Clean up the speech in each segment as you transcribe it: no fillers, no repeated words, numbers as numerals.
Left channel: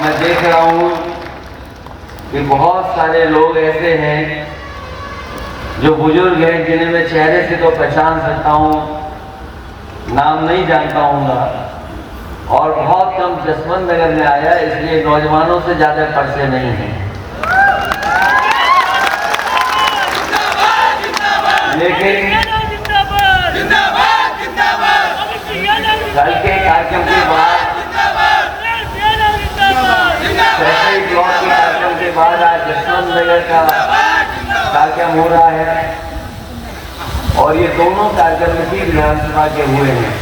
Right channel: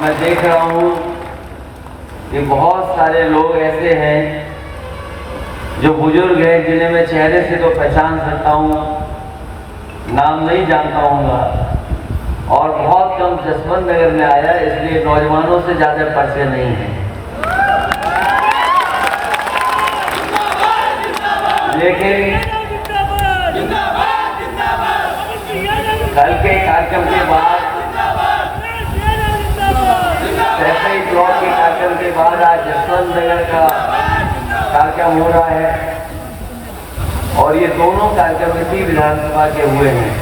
मैं देख रहा हूँ कि बहुत सारे लोग ऐसे हैं जो बुजुर्ग हैं जिन्हें मैं चेहरे से तो पहचान सकता हूँ, नाम नहीं जानता हूँ, और बहुत कम जसवंत नगर में आया, इसलिए नौजवानों से ज्यादा परिचय नहीं है। लेकिन कल के कार्यक्रम के बाद कार्यक्रम के बाद आज जसवंत नगर का कार्यक्रम हो रहा है, और ये दोनों कार्यक्रम इसी विधानसभा के हुए हैं।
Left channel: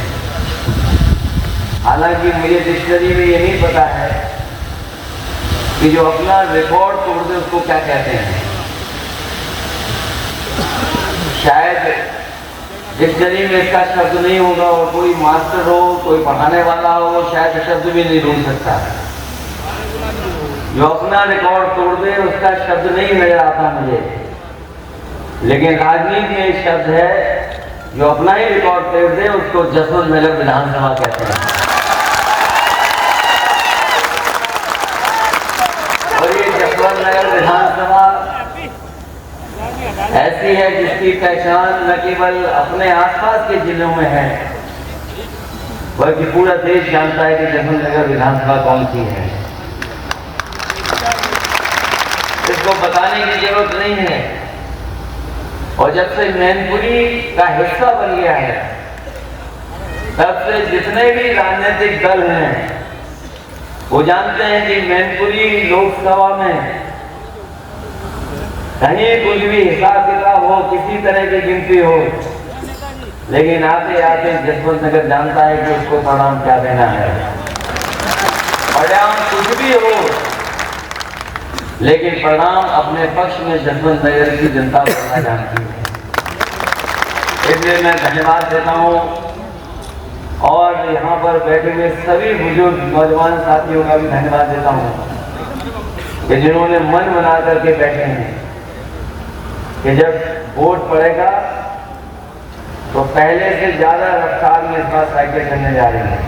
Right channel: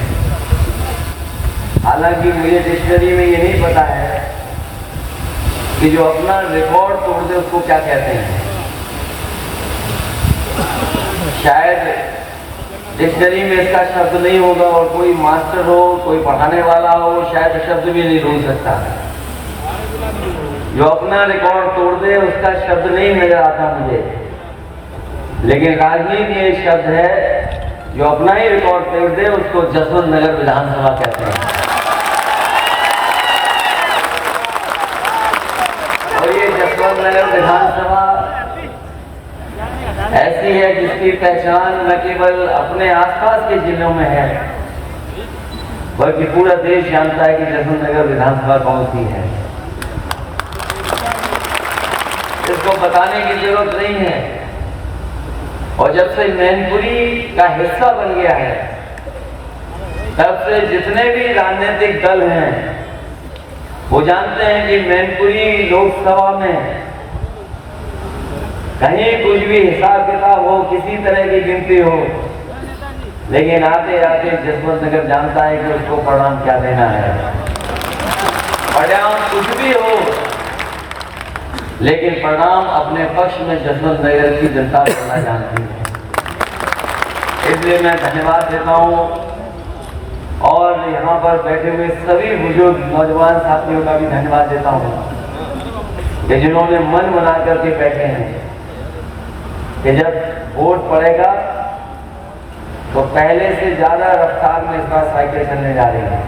हालांकि मुझे डिक्शनरी में ये नहीं पता है कि जो अपना रिकॉर्ड तोड़ दे उसको क्या कहते हैं। शायद डिक्शनरी में इसका शब्द नहीं होगा, और कोई मास्टर हो, कोई पढ़ाने वाला हो, वो शायद शब्द भी नहीं ढूंढ सकता। जो अपना रिकॉर्ड तोड़ दे उसका शब्द नहीं नजर आता मुझे, लेकिन राजनीति में एक शब्द है, जो अपना ही रिकॉर्ड तोड़ दे उसको जसवंत नगर विधानसभा कहते हैं। और ये जसवंत नगर विधानसभा ऐसी है जिसकी पहचान न केवल अपने आसपास के जिलों में है, बल्कि पूरा देश जानता है कि जसवंत नगर विधानसभा कौन सी है। इसको बताने की जरूरत नहीं है। और जब से मैनपुरी का हिस्सा बन गया है, तब से जितने भी राजनीतिक दल हैं वो जानते हैं कि मैनपुरी लोकसभा में कहीं कुछ भी हिसाब किताब हो, किसी तरह की गिनती हो, लेकिन आते आते जसवंत नगर जानता है कि उसको परिणाम क्या देना है। परिणाम कुछ भी हो, लेकिन परिणाम अपने पक्ष में जसवंत नगर की जनता को जानती है। इसलिए मैं धन्यवाद देता हूँ, और यहाँ पर बैठे हुए सभी बुजुर्ग नौजवान साथियों का भी धन्यवाद देता हूँ कि जिन्होंने मन बना करके बैठे हैं कि जब वोट पड़ेगा तो पहले से ज्यादा रफ्तार में इसका साइकिल चलने जा रही है।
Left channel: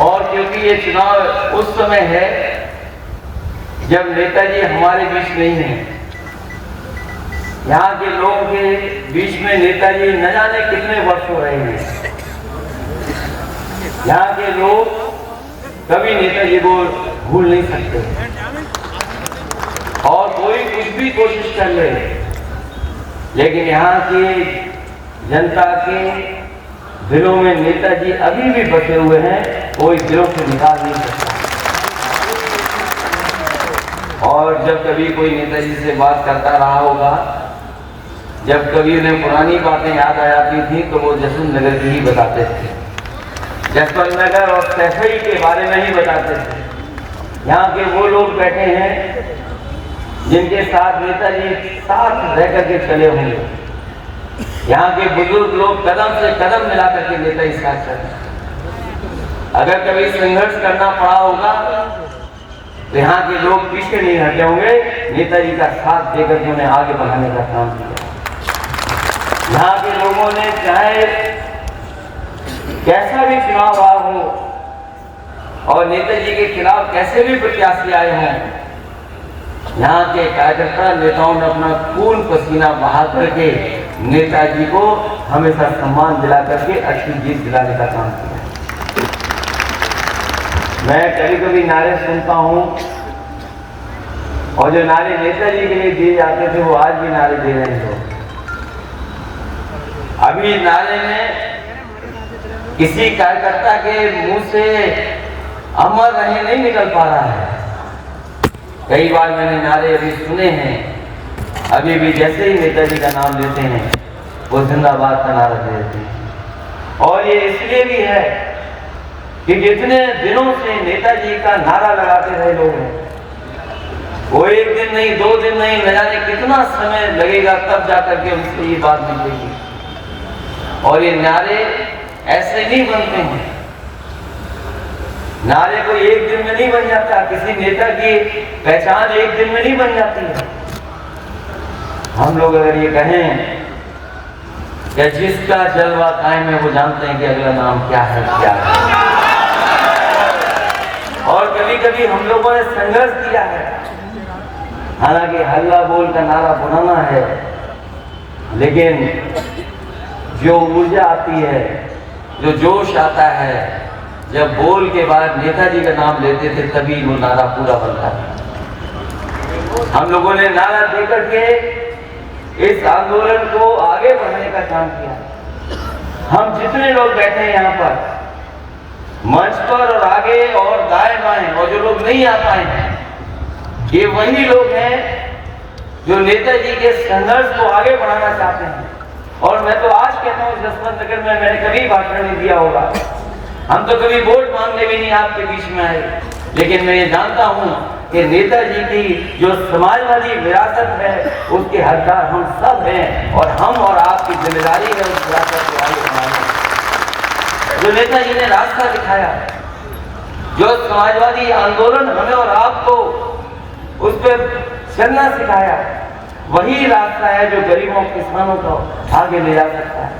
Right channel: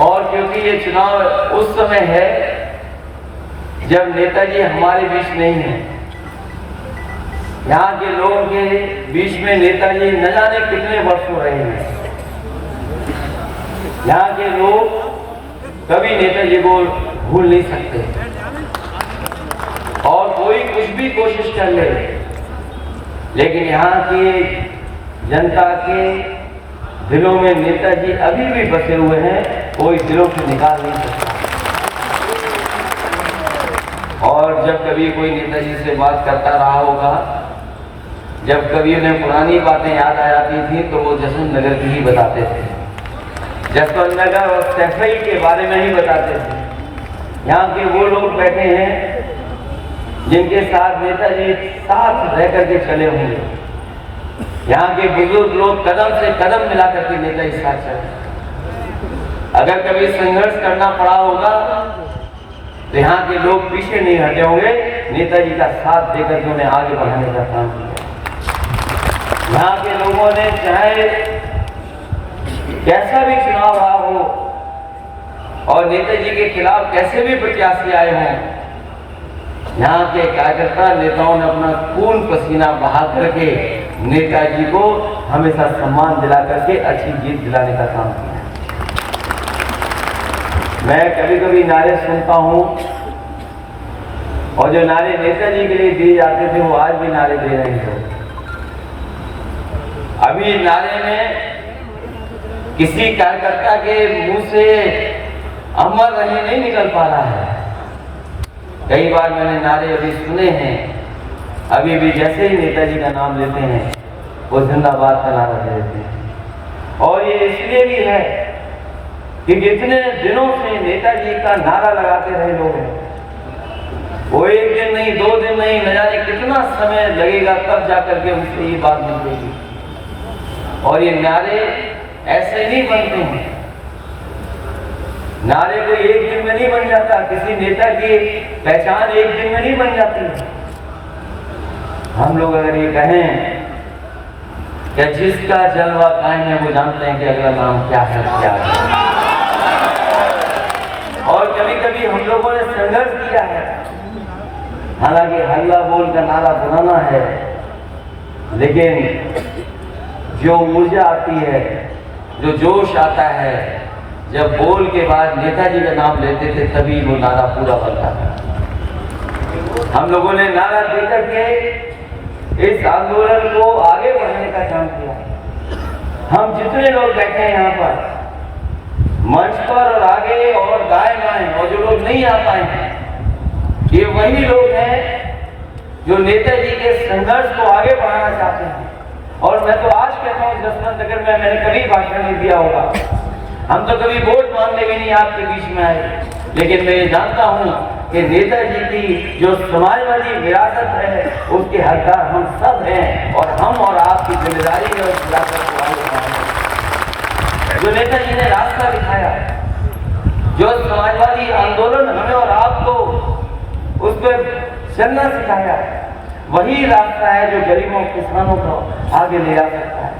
और क्योंकि ये चुनाव उस समय है जब नेताजी हमारे बीच नहीं है, यहाँ के लोगों के बीच में नेताजी न जाने कितने वर्ष हो रहे हैं। यहाँ के लोग कभी नेताजी को भूल नहीं सकते, और कोई कुछ भी कोशिश कर ले, लेकिन यहाँ की जनता के दिलों में नेताजी अभी भी बसे हुए हैं, कोई दिलों से निकाल नहीं सकता। और जब कभी कोई नेताजी से बात करता रहा होगा, जब कभी उन्हें पुरानी बातें याद आ जाती थी, तो वो जसवंत नगर की ही बताते थे। जसवंत नगर और सफाई के बारे में ही बताते थे। यहाँ के वो लोग बैठे हैं जिनके साथ नेताजी साथ रह करके चले होंगे। यहाँ के बुजुर्ग लोग कदम से कदम मिला करके नेताजी साथ चले। अगर कभी संघर्ष करना पड़ा होगा तो यहाँ के लोग पीछे नहीं हटे होंगे, नेताजी का साथ देकर के उन्हें आगे बढ़ाने का काम किया। यहाँ के लोगों ने चाहे कैसा भी चुनाव रहा हो और नेताजी के खिलाफ कैसे भी प्रत्याशी आए हैं, यहाँ के कार्यकर्ता नेताओं ने अपना खून पसीना बहा करके नेताजी को हमेशा सम्मान दिला करके अच्छी जीत दिलाने का काम किया। मैं कभी कभी नारे सुनता हूँ, और जो नारे नेताजी के लिए दिए जाते थे वो आज भी नारे दे रहे हैं। अभी नारे में किसी कार्यकर्ता के मुंह से अमर रहे नहीं निकल पा रहा है। कई बार मैंने नारे अभी सुने हैं, अभी भी जैसे ही नेताजी का नाम लेते हैं वो जिंदाबाद का नारा दे देते हैं। और ये इसलिए भी है कि जितने दिनों से नेताजी का नारा लगाते रहे लोग, वो एक दिन नहीं, 2 दिन नहीं, न जाने कितना समय लगेगा तब जाकर के उनसे ये बात निकलेगी। और ये नारे ऐसे नहीं बनते हैं, नारे को एक दिन में नहीं बन जाता, किसी नेता की पहचान एक दिन में नहीं बन जाती है। हम लोग अगर ये कहें कि जिसका जलवा कायम है वो जानते हैं कि अगला नाम क्या है, क्या है। भी हम लोगों ने संघर्ष किया है। हालांकि हल्ला बोल का नारा पुराना है, लेकिन जो ऊर्जा आती है, जो जोश आता है, जब बोल के बाद नेताजी का नाम लेते थे तभी वो नारा पूरा बनता है। हम लोगों ने नारा देकर के इस आंदोलन को आगे बढ़ने का काम किया। हम जितने लोग बैठे हैं यहाँ पर मंच पर और आगे और दाएं बाएं, और जो लोग नहीं आ पाए हैं, ये वही लोग हैं जो नेताजी के संघर्ष को आगे बढ़ाना चाहते हैं। और मैं तो आज कहता हूँ, जसवंत नगर में मैंने कभी भाषण नहीं दिया होगा, हम तो कभी वोट मांगने भी नहीं आपके बीच में आए, लेकिन मैं ये जानता हूँ कि नेताजी की जो समाजवादी विरासत है उसके हकदार हम सब हैं, और हम और आपकी जिम्मेदारी है उस विरासत को आगे बढ़ाना। जो नेताजी ने रास्ता दिखाया, जो समाजवादी आंदोलन हमें और आपको उस पर चलना सिखाया, वही रास्ता है जो गरीबों किसानों को आगे ले जा सकता है।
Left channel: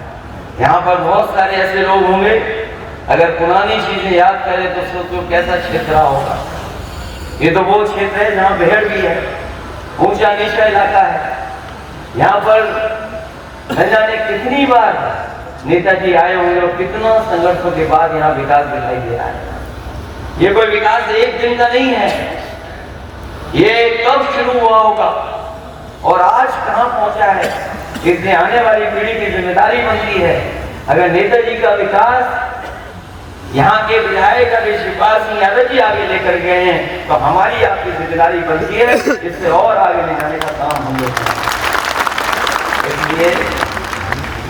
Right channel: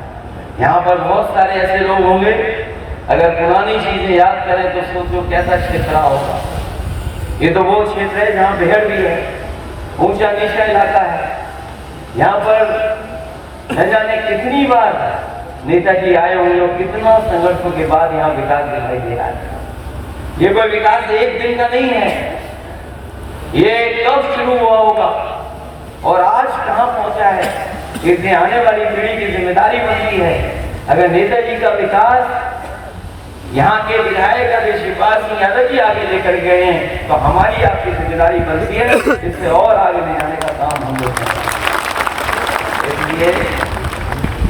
यहाँ पर बहुत सारे ऐसे लोग होंगे, अगर पुरानी चीजें याद करें तो सोचो कैसा क्षेत्र होगा। ये तो वो क्षेत्र है जहाँ भेड़ भी है, ऊंचा नीचा इलाका है। यहाँ पर न जाने कितनी बार नेताजी आए होंगे और कितना संघर्षों के बाद यहाँ विकास दिखाई दे रहा है। ये कोई विकास एक दिन का नहीं है, ये कब शुरू हुआ होगा और आज कहां पहुंचा है, इसलिए आने वाली पीढ़ी की जिम्मेदारी बनती है। अगर नेताजी का विकास यहाँ के विधायक अभी शिवपाल सिंह यादव जी आगे लेकर गए हैं, तो हमारी आपकी जिम्मेदारी बनती है इससे और आगे ले जाने का काम हम लोग करें। इसलिए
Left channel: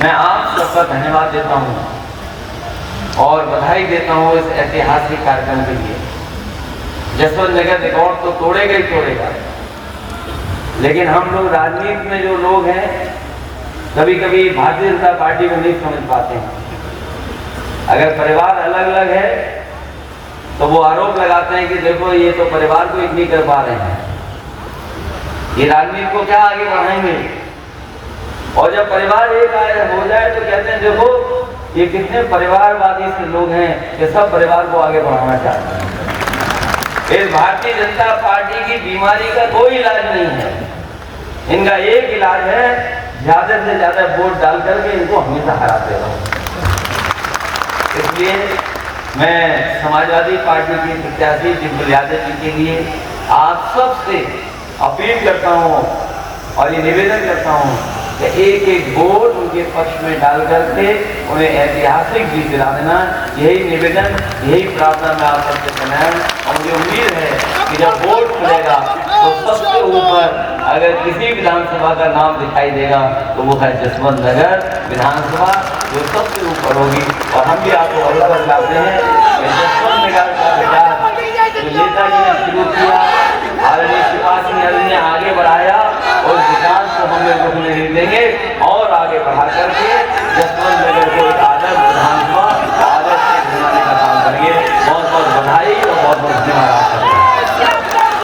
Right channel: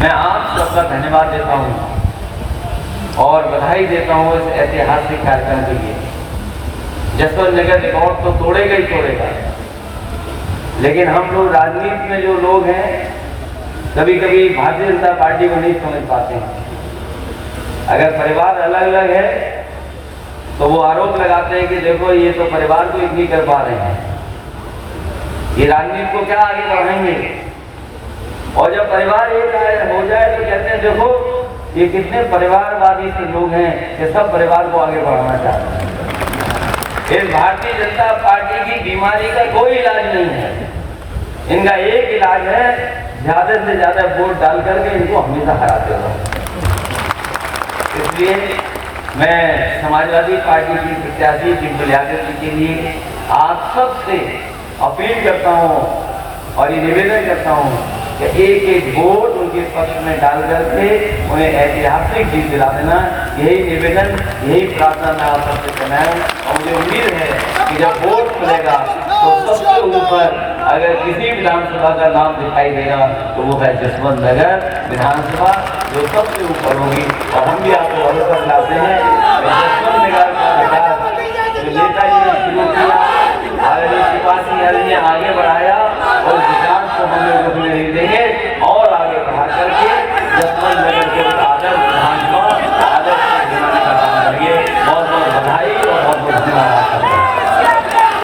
मैं आप सबका धन्यवाद देता हूँ और बधाई देता हूँ इस ऐतिहासिक कार्यक्रम के लिए। जसवंत नगर रिकॉर्ड तो तोड़ेगा ही तोड़ेगा, लेकिन हम लोग राजनीति में जो लोग हैं कभी कभी भारतीय जनता पार्टी को नहीं समझ पाते हैं। अगर परिवार अलग अलग है तो वो आरोप लगाते हैं कि देखो ये तो परिवार को इतनी कर पा रहे हैं, ये राजनीति को क्या आगे बढ़ाएंगे। और जब परिवार एक हो जाए तो कहते हैं देखो ये कितने परिवारवादी से लोग हैं कि सब परिवार को आगे बढ़ाना चाहते हैं। इस भारतीय जनता पार्टी की बीमारी का कोई इलाज नहीं है, इनका एक इलाज है ज्यादा से ज्यादा वोट डाल करके इनको हमेशा हराते रहो। इसलिए मैं समाजवादी पार्टी की प्रत्याशी डिम्पल यादव जी के लिए आप सबसे अपील करता हूँ और ये निवेदन करता हूँ कि एक एक वोट उनके पक्ष में डाल करके उन्हें ऐतिहासिक जीत दिला देना। यही निवेदन, यही प्रार्थना मैं आप सबसे करना है। और मुझे उम्मीद है कि जब वोट खुलेगा तो सबसे ऊपर अगर किसी विधानसभा का नाम दिखाई देगा तो वो है जसवंत नगर विधानसभा, जो सबसे ऊपर होगी। और हम भी आपको भरोसा दिलाते हैं